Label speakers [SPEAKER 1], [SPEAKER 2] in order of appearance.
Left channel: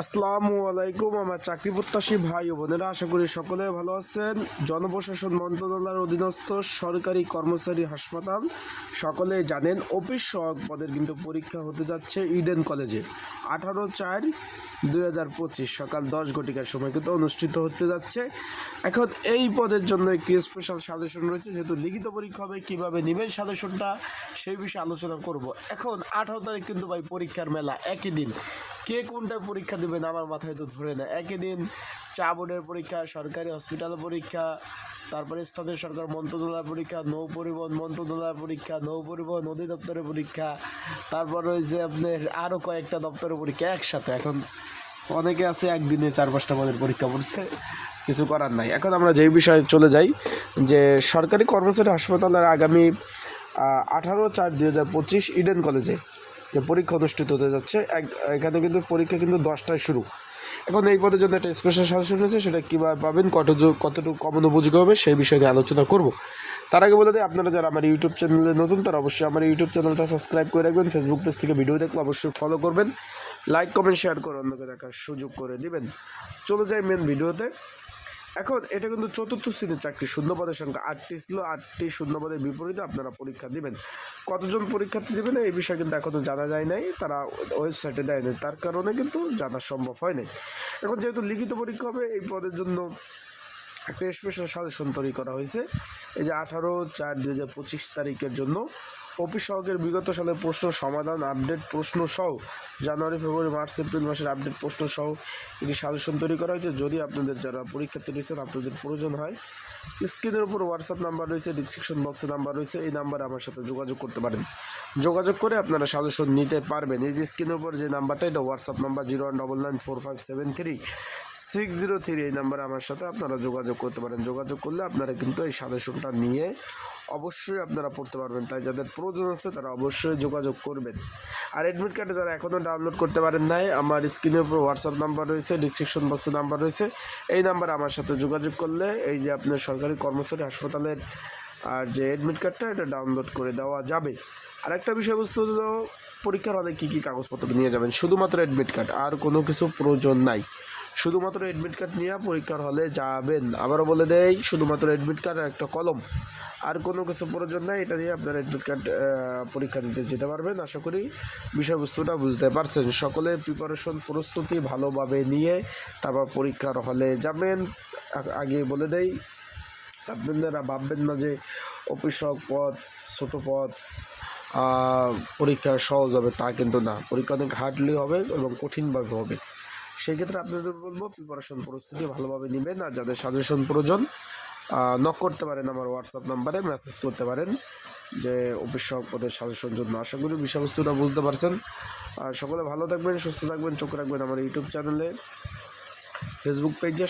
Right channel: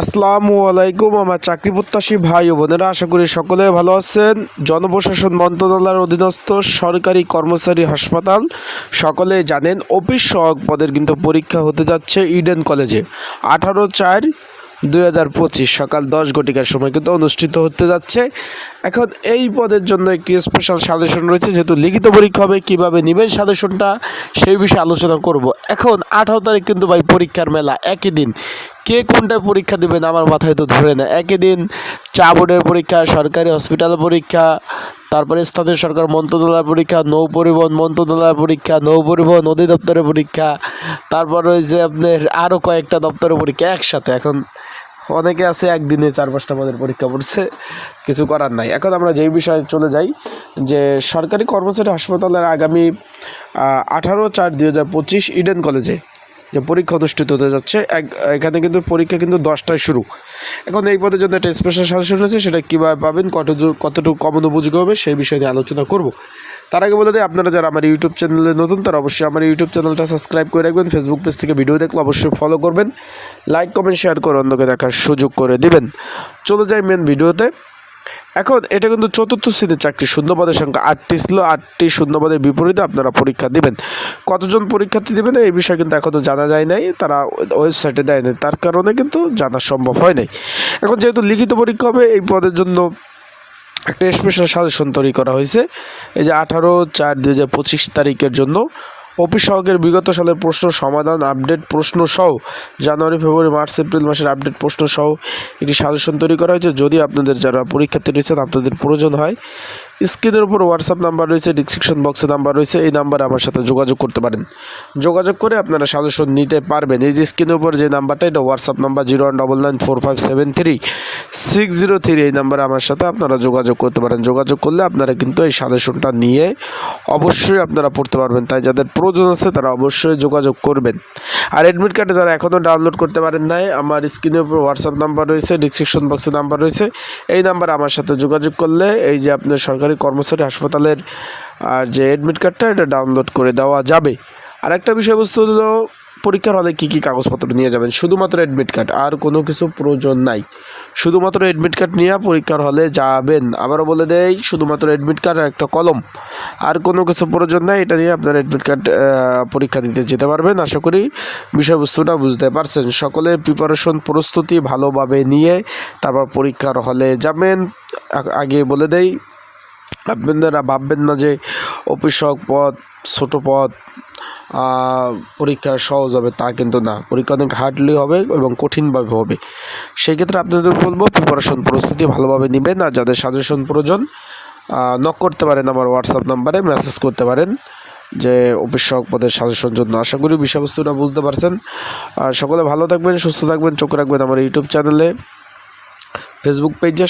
[SPEAKER 1] আসসালামু আলাইকুম, আমার চাকরি প্রত্যাশী ভাই ও বোনেরা, আশা করি সকলে ভালো আছেন। জনপ্রশাসন মন্ত্রণালয়ের অধীনস্থ সরকারি কর্মচারী হাসপাতাল সকলে জানেন অফিস সহক পদের কিন্তু পরীক্ষা হতে যাচ্ছে ইডেন কলেজে। আঠারো চার দুই হাজার পঁচিশ সকাল দশ ঘটিকার সময় কিন্তু অনুষ্ঠিত হতে যাচ্ছে। এখন এই পদের জন্য একটি স্পেশাল সাজেশন রয়েছে, যেহেতু লিখিত পরীক্ষা হবে, কীভাবে নেবেন সাজেশনটা সেই বিষয়ে আলোচনা করব। এখন আঠারো তারিখ কিন্তু ভাই পরীক্ষার মেলা, একই দিন। কে কোনটায় পরীক্ষা দেবেন আমার মাথায় তো ধরে না। একই দিন চা বোর্ডের পরীক্ষা, সরকারি হসপিটাল পরীক্ষা, তারপরে স্থানীয় সরকার মন্ত্রণালয় পরীক্ষা, নৌ পরিবহন মন্ত্রণালয় পরীক্ষা, নৌ পরিবহন নদী দপ্তরের পরীক্ষা, তারপর ওই যে আপনার আরও কয়েকটা দপ্তরের পরীক্ষা একসাথে। এখন অনেকে আছে একদিনে চার পাঁচটা পদের পরীক্ষা পড়ছে, কিছু করার নাই। এখন আমরা যেই বিষয়ে চলে যাই, যে সরকারি কর্মচারী হাসপাতালের আগামী আঠারো চার দুই হাজার পঁচিশ ইডেন কলেজে যে পরীক্ষা অনুষ্ঠিত হতে যাচ্ছে, এক, এখানে কিন্তু পরীক্ষা কিন্তু দশটায় শুরু। এখন এই পদের জন্য একটা স্পেশাল সাজেশন রয়েছে, সেটা কীভাবে পাবেন কত কতটুকু কমন উপযোগী হবে, সেই বিষয়ে নিয়ে আলোচনা করব। তার আগে বলে দিই, আপনারা যারা আমার ইউটিউব চ্যানেলে নতুন, তারা অবশ্যই আমার ইউটিউব চ্যানেলটা সাবস্ক্রাইব করে রাখবেন। ফেসবুক পেজ থেকে ভিডিও দেখলে অবশ্যই ফলো করবেন। লাইক কমেন্ট শেয়ার করে অন্যকে দেখার সুযোগ করে দিবেন। চলে যাই মেন ভিডিওতে। এখন, এটা কিন্তু চতুর্থ শ্রেণির চাকরি, শূন্যপদের সংখ্যা আটটি ছিল। আটটি শূন্যপদের বিপরীতে আপনারা পরীক্ষা দিবেন। কতজন পরীক্ষার্থী দেবেন, এই বিষয়ে কিন্তু এখনও জানা যায় নাই। তারা ওয়েবসাইটে দেয় নাই। তার কারণে কিন্তু জানা সম্ভব হয় নাই। এখন যেহেতু লিখিত পরীক্ষা হবে, এই পদের জন্য একটা স্পেশাল সাজেশন তৈরি করা হয়েছে। এই যে আঠারো চার দু তারিখের জন্য অফিস সহকের বিগত সালের প্রশ্ন সমাধান আপডেট প্রশ্ন সহ জানুয়ারি, ফেব্রুয়ারি, মার্চ, এপ্রিল মাসের আপডেট প্রশ্ন সহ একটি সাজেশন তৈরি করা হয়েছে। যদি আপনাদের যারা পরীক্ষার্থী রয়েছেন, আপনাদের প্রয়োজন হয় স্ক্রিনের উপর হোয়াটসঅ্যাপ নাম্বার রয়েছে ডিসক্রিপশন বক্সে নাম্বার রয়েছে, এই নাম্বারে আমার সাথে যোগাযোগ করতে পারেন। যোগাযোগ করে আপনারা সাজেশন নিতে পারবেন। এই যে স্ক্রিনের উপর যে নাম্বারটা, এটা WhatsApp number zero one double nine four five seven three, six zero three, এই নাম্বারে আমার সাথে আপনারা যোগাযোগ করতে পারেন। যোগাযোগ করলে আপনারা কিন্তু এই সাজেশনটা নিয়ে অবশ্যই আপনারা পড়তে পারবেন। তাই যাদের প্রয়োজন আছে, তারা অবশ্যই যোগাযোগ করবেন। আর অ্যাডমিট কার্ডে যারা এখনও ডাউনলোড করতে পারেন নাই, আমার স্ক্রিনের উপর হোয়াটসঅ্যাপ নাম্বার রয়েছে ডিসক্রিপশন বক্সে নাম্বার রয়েছে, এই নাম্বারে আমার সাথে যোগাযোগ করলে এই যে আপনার সরকারি কর্মচারী হাসপাতালের, আর যে অ্যাডমিট কার্ডটা এটা ডাউনলোড করে দেওয়া যাবে। আর একটা বিষয়বস্তু হলো, পরীক্ষার হলে কী কী কাগজপত্র নিয়ে যাবেন? শুধুমাত্র অ্যাডমিট কার্ড আর কোনো কিছু প্রয়োজন নাই। শুধুমাত্র অ্যাডমিট কার্ড নিয়ে পরীক্ষার হলে যাবেন। আবারও বলে দেয় শুধুমাত্র অ্যাডমিট কার্ড আর একটা কলম। আর কোনো কিছু প্রয়োজন নাই, এটা নিয়ে আপনার অ্যাডমিট কার্ড পরীক্ষা দিতে যেতে পারবেন। আশা করি বিষয়বস্তুটা বুঝতে পারছেন। সকলে প্রিপারেশন প্রস্তুতি ভালোভাবে নিয়ে তারপর পরীক্ষার হলে যাবেন। আগে বলে দেই আপনারা ভাববেন না যে অফিসক পদ ছোট পদ পরীক্ষা সহজ হবে তা কিন্তু না। পরীক্ষা অনেক হার্ডলি হবে এবং কঠিনভাবে হবে। সেই ক্ষেত্রে আপনাদের বলব প্রিপারেশন প্রস্তুতি ভালোভাবে নেবেন আর যাদের সাজেশন প্রয়োজন নক করতে পারেন আমার হোয়াটসঅ্যাপ নাম্বারে মেসেজ করতে পারেন যে সহক পদের সাজেশন জন্য। আশা করি বিষয়বস্তুটা বুঝতে পারছেন। আর সকলে ভালো থাকবেন, সুস্থ থাকবেন, চোখ রাখবেন আমার ইউটিউব চ্যানেলে ফেসবুক পেজে